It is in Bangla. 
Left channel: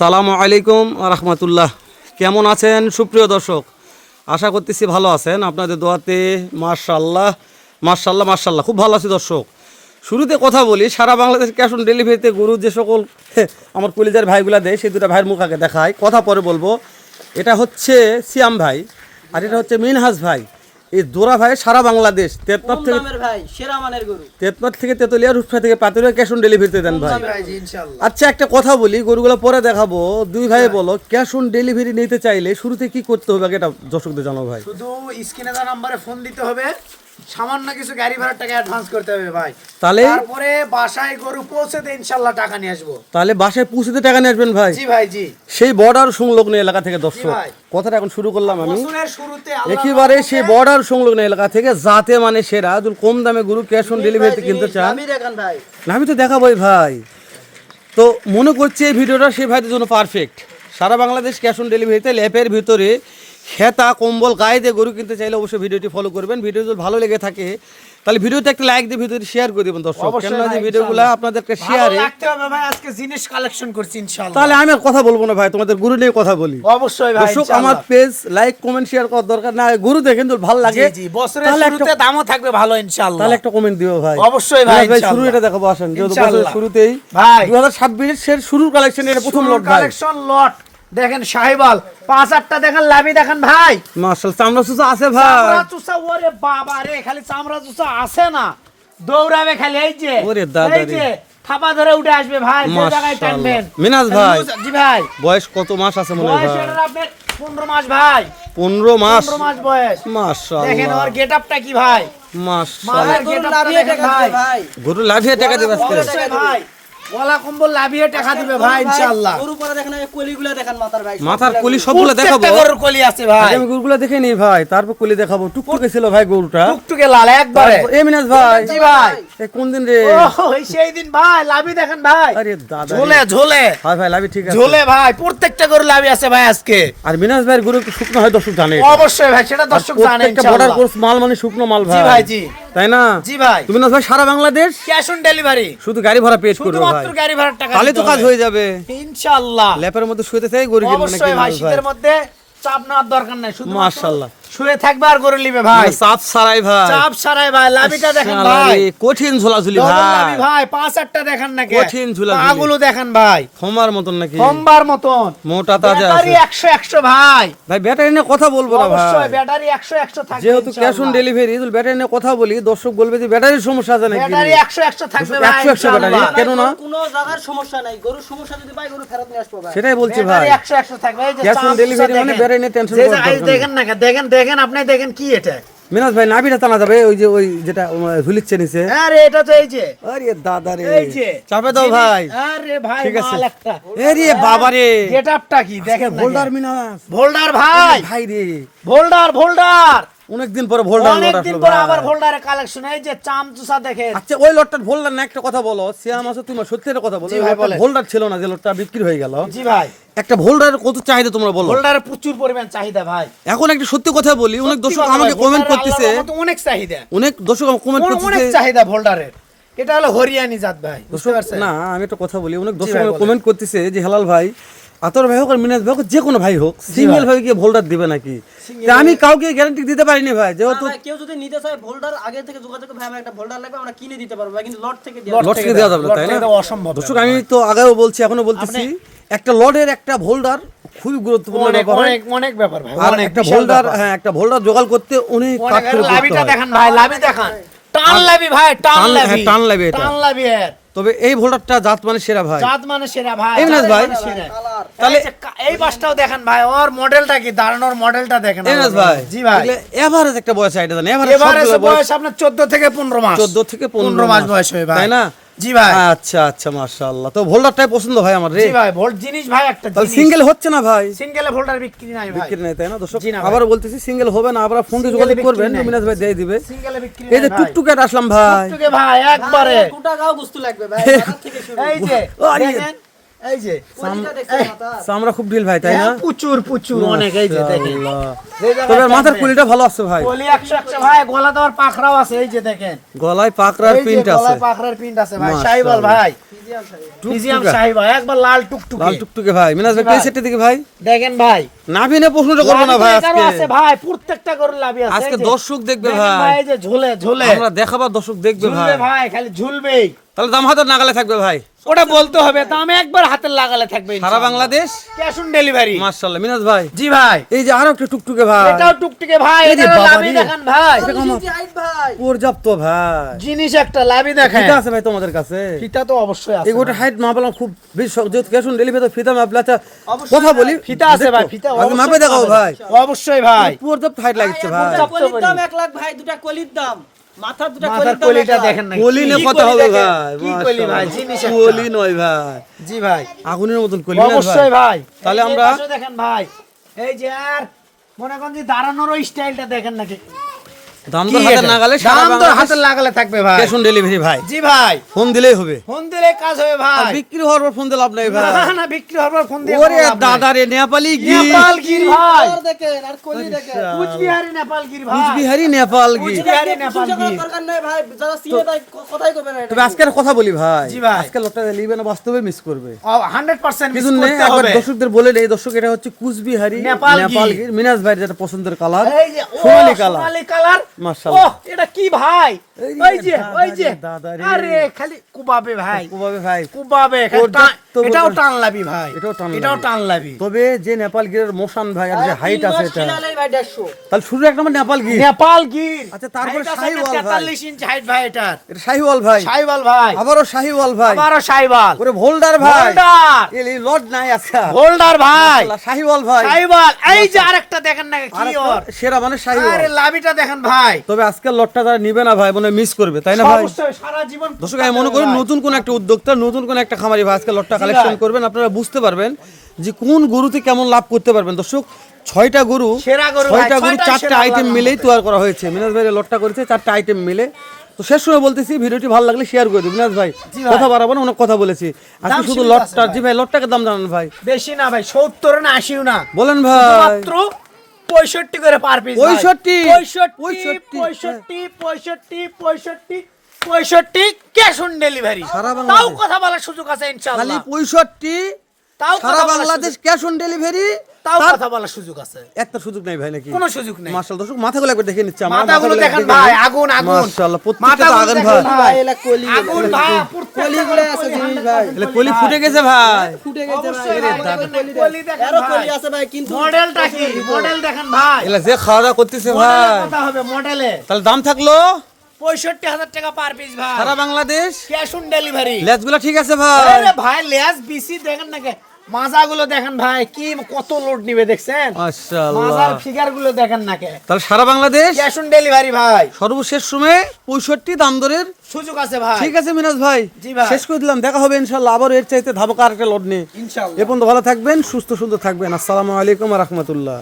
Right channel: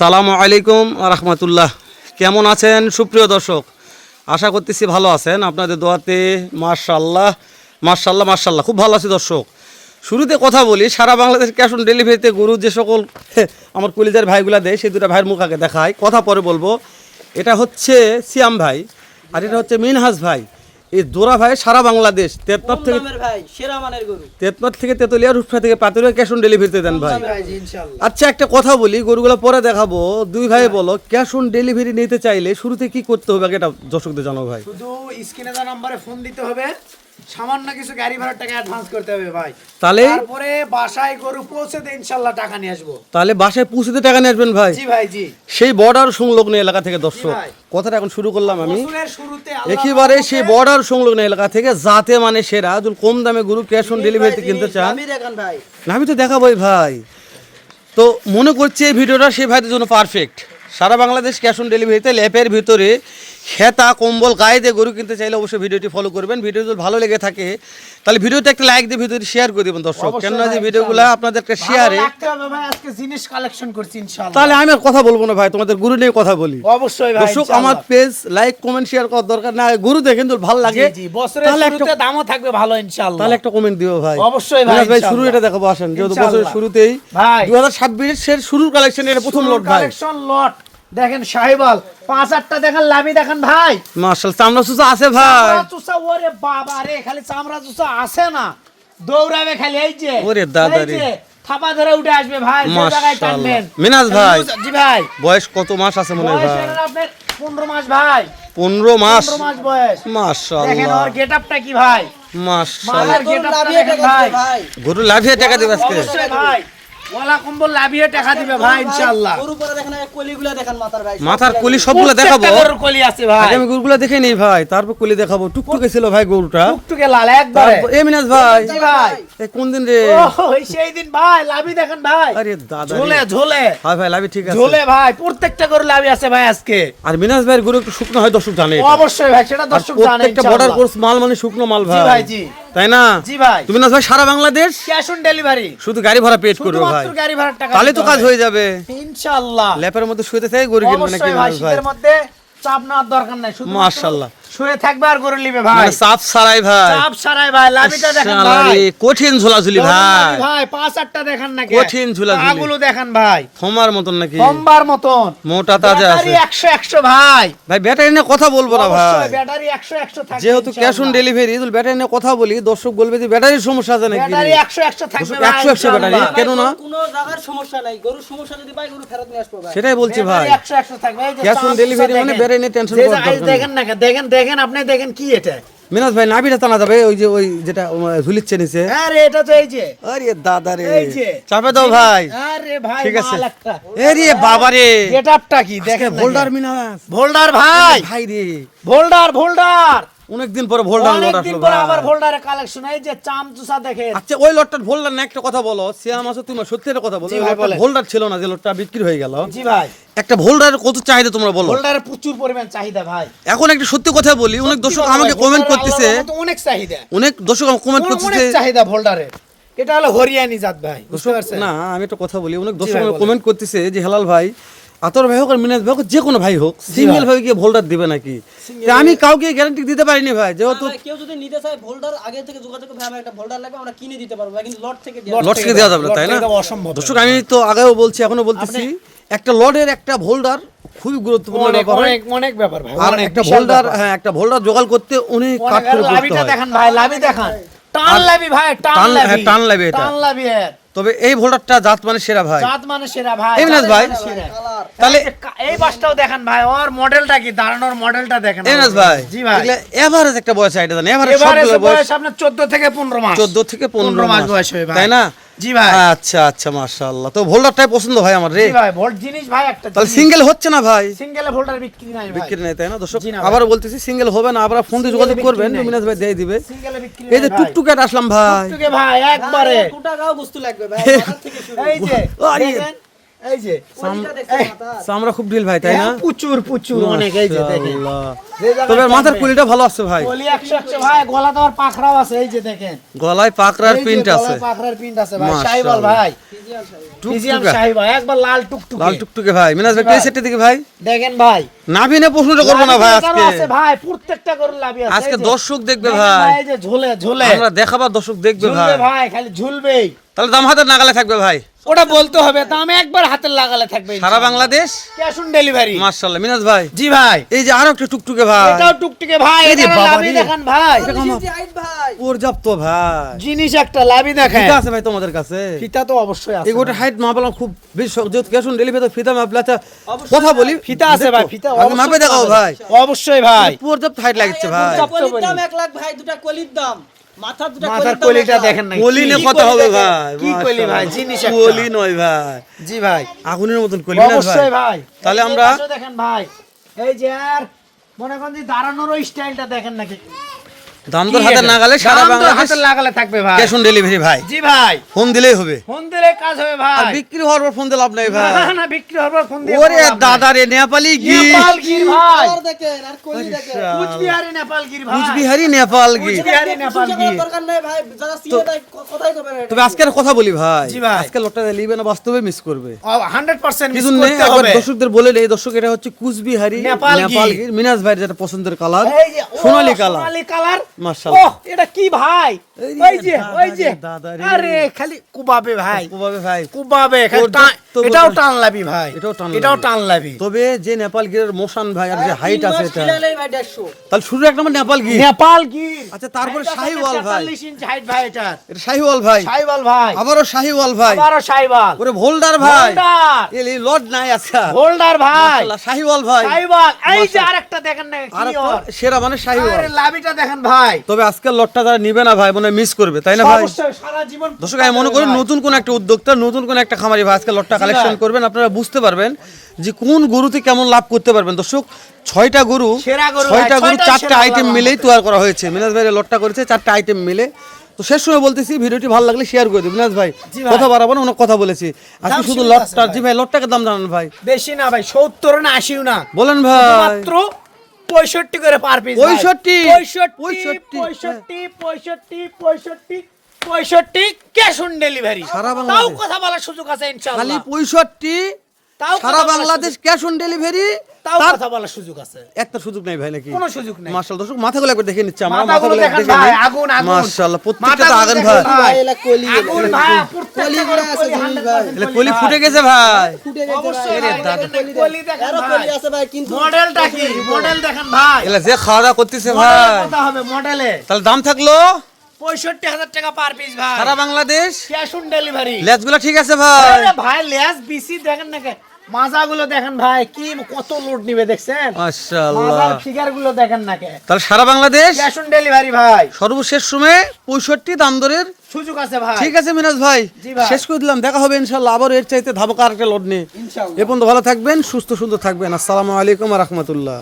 সালামু আলাইকুম রহমতুল্লাহ। কেমন আছেন সুপ্রিয় দর্শক? আশা করতেছি ভালো আছেন। আপনাদের দোয়াতে মার্শাল্লাহ মার্শাল্লাহ মার্শাল্লাহ খুব ভালো আছি দর্শক। শুরুতে কথা বলি, সারা বাংলাদেশ ক্যাশ অন ডেলিভারিতে গরু যে সকল আমার কলিজার ভাইগুলা দেয়, সেই দুটা ভাইয়ের মুখ আগে দেখায় কথা পরে বলব। এটা হচ্ছে সিয়াম ভাই, আর এটা হচ্ছে মিনহাজ ভাই। এই দোরা ভাই সারা বাংলাদেশ তেতনাথ থেকে তেতনাথ থেকে তেতুলিয়া রূপসা থেকে পাতুরিয়া ক্যাশ অন ডেলিভারিতে দেন ভাই। আচ্ছা একটা কথা বলি গরুগুলো পরে দেখাবো। দুই ভাই বলো ক্যাশ অন ডেলিভারি নিতে চাইলে শুরুতে কি করতে হবে? এটা দর্শকদের জানো ভাই। শুধু স্ক্রিনে নম্বরে ফোন দিতে হবে। সামান্য কিছু গাড়ি ভাড়ার টাকা অ্যাডভান্স করতে হবে ভাই। তাহলে? তারপরে বাসায় গরু পৌঁছে দিয়ে টাকা নিয়ে আসব। তাহলে বাসায় পৌঁছতে টাকা নিয়ে আসবেন ভাই? জি ভাই জি। সেই বর্ডার সংলগ্ন এলাকা থেকে দর্শক কথাটা এখন শুরু করলাম আমি। একেবারে সেই বর্ডার সংলগ্ন এলাকা থেকে যাতে মানে সেরা যদি কম দামে গরু ক্যাশ অন ডেলিভারিতে কিনতে চান। আমি তো দেখাবোই ভাই। তো মনে করছি এই ভিডিওটা সেই ভাইদের জন্য পারফেক্ট সারা বাংলাদেশ ক্যাশ অন ডেলিভারিতে ল্যাপের ভিতরে খেতা কম্বল গায়ে দিয়ে গরু কিনতে চাইলে অবশ্যই ভিডিওটি ফলো করবেন। ভিডিও যদি ভালো লেগে থাকে তাহলে ভিডিওতে একটা লাইক দিয়ে ভিডিওটি শেয়ার করে দেবেন দর্শক। কেন যে ভিডিওগুলো আপনাদের একটা শেয়ারে আজকে জিনিস কালেকশন করছি ইনশাল্লাহ। তাহলে আমি আর কথা বলব না ভাই তোমাদের গরু নিয়ে কথা বলি। অবশ্যই ভাই দর্শক আমার পেজ লাইক কমেন্ট শেয়ার করার দরকার না গরু দেখেন তো ভালো লাগে। জি, বছরের তাহলে একটা শুরুতে দামও থাকবে ভালো ইনশাল্লাহ। তাহলে একটা কমেন্ট দিও ভাই। অবশ্যই ভাই, ভাই শুরু এটা দেখাবো আসেন যেহেতু বছরের শুরুতেই। ভাই। দু হাজার ছাব্বিশের শুরুর কালেকশন এটা প্রথম লট ভাই। কালেকশন লট দেখেন সাহেবাল পাঁচ আটটা দেখেন লাভি দেখেন ভাই। মার্শাল চামড়া সুসা আছে ভাই। চামড়া চুষা ওরে বাবা রে খালি চামড়া চুষা আছে না। দৌড়াবে খালি এই যে ওরে দাদা রে। থাপা ধরে উঠে আসবে ভাই মিনাজ ভাই। জি ভাই। বয়স কত মাস আছে মনে হয় ভাই? হলো আপনার পনেরো মাস ভাই। পনেরো মাস? পনেরো মাস বয়স। দেখেন ওর গেট আপটা কি ভাই? মাশাল্লাহ ভাই, গরু লাভিয়ে টাকা দিবে ভাই। গরু লাভিয়ে টাকা দেবে আজকে? ভাই। ওলা কম্বল লাভিয়ে টাকা দিবে ভাই ইনশাআল্লাহ। গরু পরে দেখেন এই কলিগুলা দেখেন মাথার ভাই মাথার কলি সবগুলো দেখাবো? গরুর কলি আছে ভাই। আমি গরুগুলো দেখে নেই ভাই তারপর কলি দেখাবো। টুকটুকে ছিল ভাই গরুটা। টুকটুকে লাল একবারে। এ মিনাজ ভাই। জি ভাই? এ কোন দিন রে? ওই সেই দিন ভাই লাভি দেখেন ভাই। আরে দাদা ঝোলে ঝোলে। হয় ভাই লাভি ঠিক আছে। ঝোলে ভাই প্রত্যেকটা গরু লাভি আছে ভাই আজকে। আর মিনাজ ভাইয়ের গরু একটু শুকনো হয় দর্শক জানে অবশ্যই ভাই সেটা দর্শক জানে প্রত্যেকটা বর্ডার কোর্স মাল মানে শুকনো মাল জি ভাই। ভাই জি। তাই না? জি ভাই। তুমি না ভাই সারা বাংলাদেশ? Cash on delivery. শুধু গাড়ি ভাড়া পেড করবে ভাই। গাড়ি ভাড়ার টাকা তাহলে তো কাজ হয়ে যাবে। ইনশাআল্লাহ। ল্যাপের মধ্যে শুয়েতে চাই গরু কিনবে নাকি ভাই ভাই। শীতের মধ্যে চাপ নেওয়ার দরকার নাই শুধু মাশাআল্লাহ। শুয়ে থাকবে আর গরু নিবে ভাই। মানে সাফ সারাই ভাই। চাপ সারাই ভাই লাভিটা দেখেন ভাই। কঠিন ঝোলাঝুলি ভাই। ভাই পাঁচ আটটা দেখেন নাকি? কঠিন ঝুলাঝুলি। পাগুলো দেখেন ভাই। থমার মতন নাকি? সোমবার মতন। মোটা তাজা আছে। ব্যাটারি একশো একশো ভাই। ভাই ব্যাটারি নিয়ে কথা বলব না ভাই। অবশ্যই ব্যাটারি একশো একশো থাকবে যেহেতু ক্যাশ অন। ডেলিভারি ব্যাটারি নিয়ে কথা বলি দর্শক বলবে যে ব্যাটারির সমস্যা আছে নাকি? ব্যাটারি একশো একশো থাকবে ভাই, 100 100 ব্যাটারি। কেন না? কোনো জায়গার সমস্যা নাই। গরুর সমস্যা যদি পাই গরু ফেরত নিয়ে আসব ভাই। সেটাই বলছি ভাই। ব্যাটারি একশো একশো থাকবে এই যে Cash on চাপ মানে। ব্যাটারি নিয়ে দরকার নেই। দেখেন না দেখেন দেখেন আপনি দেখেন কি এটা? মিনাজ ভাই নাভিটা টানা যাবে ওই যে ওই যেটা ঝুলিচ্ছে নিচে। আরে এটা তো এই যে। আরে দাদা রে। এই যে। চাপে দাও ভাই। আরে ভাই ঠিক আছে। মাল একটা। এরে বাবা রে। গেট আপটা কি? দেখেন ভোল্ডার মিনাজ। ভোল্ডার ভাই। ভাই রে। ভোল্ডার ভোল্ডার অনেকদিন পরে ভোল্ডার অনেকদিন পরে আবার ভোল্ডারের কালেকশন এই যে চামচুসা দেখেন আচ্ছা ওই লটটার ভোল্ডার না একটা কথা বলো। সিয়াম আসো তুমি সত্যি একটা কথা বলো। ভোল্ডার ছিল না যে লটটা বিক্রি হয়ে গেল। জি ভাই। একটা ভোল্ডারের কত চাহিদা তোমরা বলো? ভোল্ডারের প্রচুর পরিমাণ চাহিদা ভাই। এখন একটা সত্যি কথা বলি অনেক দর্শক আমাকে কমেন্ট করতেছে। অনেক চাহিদা। অনেক দর্শক আমাকে কমেন্ট অনেক করতেছে। চাহিদা ভোল্ডারের। এটা হলো হরিয়ানি জাত ভাই না আমি একটা কথা বলি অনেক দর্শক আমাকে কমেন্ট করতেছে যে হেলাল ভাই আতর ভাই হোক আর মিনাজ ভাই হোক যে কোনো ভাই হোক সিঙ্গেল ভাবে কি ভোল্ডার দিবে নাকি? তা আমি কাউকে গ্যারান্টি দিতে পারিনি ভাই যেহেতু কেউ যদি নিতে চায় ভোল্ডার আগে থেকে যোগাযোগ করে, ভাই আমার একটা ভোল্ডার লাগবে আমরা কিনে দিতে পারব ভাই, কিন্তু লট থেকে দিয়ে লট থেকে দেওয়া যাবে তাই না? অসম্ভব। দর্শক আমি তো আগেও বলছি এখনও বলতেছি একটা লটের একটা ভোল্ডার খুবই গুরুত্বপূর্ণ ব্যাপার হয়। অনেক অনেক ব্যাপার ভাই আর একটা ভোল্ডার হ্যাঁ একটা ভোল্ডার জোগাড় করতে অনেক কাঠ অনেক- করে করতে লাভিটা হয়। দেখেন ভাই লাভি দেখেন। টান লাভি ভাই টান টান- লাভি হ্যাঁ, টান লাভি এটা। টান লাভি এর। তবে এই ভোল্টারটা জাত মানে সেরা ভাই। জাত মানে সেরা ভাই। এই মিনাজ ভাই। মানে তাহলে এই বাসটাও দেখেন ভাই ওর মডেলটা কি? দাঁড়ানোর মডেলটা দেখেন। এনাস ভাই জি ভাই। এভারেজ একটা বয়স আইটা জানেন এভারেজ সবগুলো বয়স বয়স আপনার 14 থেকে 15 মাস। 14 থেকে 15 মাস। বয়স হয় ভাই। তাই না? জি ভাই। আচ্ছা আচ্ছা মাশাআল্লাহ। তো ভোল্টারটাই পছন্দ ভাই আমার রে? জি ভাই ভোল্ট জিনিস ভাই একটা তাহলে সিঙ্গেল হচ্ছে না ভাই? সিঙ্গেলে ভোল্টার বিক্রি নাই ভাই। বিক্রি নাই তাই না? দর্শক বলতেছি সিঙ্গেল হবে না আপনারা ফোন দিয়ে যোগাযোগ করবেন। ভাই দিয়ে দিবে। এই যে টুকটুকে আসলাম ভাই। টুকটুকে ভাই একবারে। ভাই, টাকাও গুস্তু লাগবে ভাই মাথার থেকে শুরু। এই যে আরে। এই যে? চামড়া খুব ঢিল ভাই তাই না? প্রচুর প্রচুর অনেক এই যে তবে মাথার কুলিটা ভালো আছে ভাই। কলি একশো একশো ভাই গলা পাখরাও আছে এই যে দেখেন। গলায় যে প্রিন্ট আছে। গলায় পাখরার প্রিন্ট আছে ভাই। ভাই। মিডিয়াম টুকটুকা। একবার লাল টুকটুকে। লাল টুকটুকে ভাই। মিনাজ ভাই ভাই। এই সেটটা দিকে ভাই। দেখেন ভাই। নাভি প্রশ্নটা করব না ভাই আছে ভাই। প্রত্যেকটা করে লাভি আছে আজকে দর্শক দেখবে ভাই। এই যে ঝুলে ঝুলে। আমরা দেখাবার দর্শক দেখবে ভাই। ভাই খালি ঝুলবেই। তাহলে দাম হাতের নাগালে থাকবে ভাই। ওটা বলতে হবে দাম একবার হাতের লাগালে থাকবে সারা Bangladesh? Cash on delivery. Minaj ভাই। জি ভাই। এই যে আরও একটা টুকটুকে ভাই। এটাও টুকটুকে ভাই এই যে বাবা রে। দেখেন ভাই। এটা কমা। হাইট ভাই। পর্যাপ্ত ভাই। জিনিস একটা লাভি দেখেন ফিতা আছে ভাই তোমাদের কাছে? ফিতা তো অবশ্যই আছে এই গোটা হাইট মাপলাম খুব বেশ যেহেতু ক্যাশ অন ডেলিভারি ফিতা মাপলে আচ্ছা কথা বলি। ফিতা আছে ভাই দেখো, ফিতা আগে মাপে দেখাও ভাই। অবশ্যই ভাই। পর্যাপ্ত হাইট লাগছে ভাই। কলির দাম এক লাখ ভাই দুটা কলির দাম। দুটা কলিটা দেখেন না কলি না কথা হবে ভাই কি কলি ভাই? জিনিস। কলি নয় ভাই। জি ভাই। আগুনের মতন কলি না ভাই। অবশ্যই ভাই। তাহলে আমরা- দেখেন ভাই। এই যে আর মনে করেন দাঁড়ানোর স্টাইলটা দেখেন নাকি? দাম দর হাতের নাগালে সারা বাংলাদেশ লাগালে থাকবে ভাই। ক্যাশ অন ডেলিভারি ভাই। জি ভাই। ফোন দিলেই হবে। ফোন দিলে কাজ হবে আর বিক্রি হওয়ার পর ফোন দিলে লাভ নাই ভাই। না, না বিক্রি হবে ফোন দিয়ে ওরে নাই। দাদা রে নেপালি গি নেপালগির ভাই কালার দেখেন আর কলি দেখেন কুচবিহারি নেপালগির ভাই। কুচবিহারি নেপাল গি কুচবিহারি নেপাল গির। দরকার নেই ভাই যারা সিনে তাই কথাই কবে না তবে আজকের কথা বলি ভাই। জি ভাই। আজকে লটটা লিবে না বাস্তবে মিস করবে। হান্ড্রেড পার্সেন্ট কিছু নেই একবার দর্শকদের বলে এই দর্শক এটা হচ্ছে কুচবিহারি নেপাল গি। নেপাল গির মিনাজ ভাইয়ের যেটা পছন্দের কালার সোনালী কালার সোনালী কালার মাশাআল্লাহ। এটা কি ভাই? এই রে ওই যে ওই যে। রে, দাদা রে। আরে খালি কুবাবে ভাই। ওভাবে ভাই। কুবাবে ওর খালি টান- যত এটাও টান লাবি ভাই। এটাও টান এটাও টান লাবি তবে যে নেপাল গিরের মোশন ভাই আর যে হাইট আছে এটা। খিলালেই ভাই 150 তাহলে শুরু এক নম্বর নেপাল গির। নেপাল গির। আচ্ছা, তারপরে শাহিওয়াল ভাই। 43 ইঞ্চি হাইট ভাই এটা এটা শাহিওয়াল ভাই। শাহিওয়াল ভাই। আবারও শাহিওয়াল ভাই। আবারও শাহিওয়াল। ওরে ভোল্ডার ভাই। এই এই নাই আজকা হোল্ডার ভাই। শাহিওয়াল ভাই। শাহিওয়াল। এই যে আরেকটা দেখেন না কি সেরা মানে শাহিওয়াল। আরে লাভিটা দেখেন ভাই। তবে আজকের লটটা যারা নিবে না ভাই মনে মিস করবে তাই না ভাই? সারা জীবন দর্শক আমি মনে করি নতুন কোন একটা উদ্যোক্তা নতুন কোন একটা খামারি ভাই আজকে লটটা কালেকশন করবেন। আপনারা বুঝতে পারবেন যে কোন গরুতে কেমন লাভ করতে পারবেন। দর্শক ছয়টা গরু ছয়টা গরু চারটা আইটেম মিলেই তৈরি করা হয়েছে। মিনাজ ভাই লটটা করেছে চারটা আইটেম মিলে। তো শেষ সময় বলতেছি ভিডিওটি ভালো লাগলে শেয়ার করে মিনাজ ভাই কথা বাড়াবো না অনেক কথা বলেছি। আজকে শুধু লটটা ভাই। জি ভাই। লটটাকে দাম জানান ভাই। বেশি না ভাই সত্তর না আশিও না। বলেন ভাই। পঁয়ষট্টি করে পার পিস 65 পঁয়ষট্টি পঁয়ষট্টি পঁয়ষট্টি পঁয়ষট্টি পঁয়ষট্টি ক্যাশ অন ডেলিভারি সারা তাও কথা বলার সুযোগ আছে খালি ইনশাআল্লাহ পঁয়ষট্টি তাও সারা বাংলাদেশ ক্যাশ অন ডেলিভারি তাও কথা বলার সুযোগ আছে। একটা সুযোগ নাই ভাই নাকি? কোনো সুযোগ নেই। মার্শাল দর্শক মাথাগুলো একবার দেখে নিচ্ছি আমরা মাথাগুলো মাথাগুলো দেখে ভাই, আগুন, আগুন। মাশাআল্লাহ প্রত্যেকটা তো আগুন ভাই। ভাই এলা কলি আগুন ভাই কলিগুলো আছে জিনিস ভাই। এলে কলি ফুটে গেছে ভাই। ফুটে গেছে ভাই। কলি দেখেন আরও কলি আছে ভাই কিন্তু মডেলটা কি? মডেল দেখেন ভাই। এলে যে খাওয়া দাওয়া করতেছে ভাই। কথা হবে মডেলে। তাহলে দাম থাকল? পঁয়ষট্টি হাজার টাকা পার পিস ভাই। সারা বাংলাদেশ? Cash on delivery. লেজগুলো ঠিক আছে ভাই। ভাই লেস বিসি দেখেন না মাজাগুলো দেখেন ভাই কি কত লোড নিবে দেখছেন? মাশাআল্লাহ মাজার দেখেন না কে তাহলে সারা বাংলাদেশ ক্যাশ অন ডেলিভারি ভাই। সর্বশেষ সময়ে পঁয়ষট্টি দাম দরের সুযোগ আছে ভাই। ঠিক আছে মিনাজ ভাই শেষ করে দিলাম দেখা হবে ইনশাল্লাহ আবার এর চাইতে আরেকটা লোড নিয়ে। ইনশাআল্লাহ। এ পর্যন্ত ভালো থাকবেন সুস্থ সুন্দর থাকবেন। আসসালামু আলাইকুম রহমতুল্লাহ।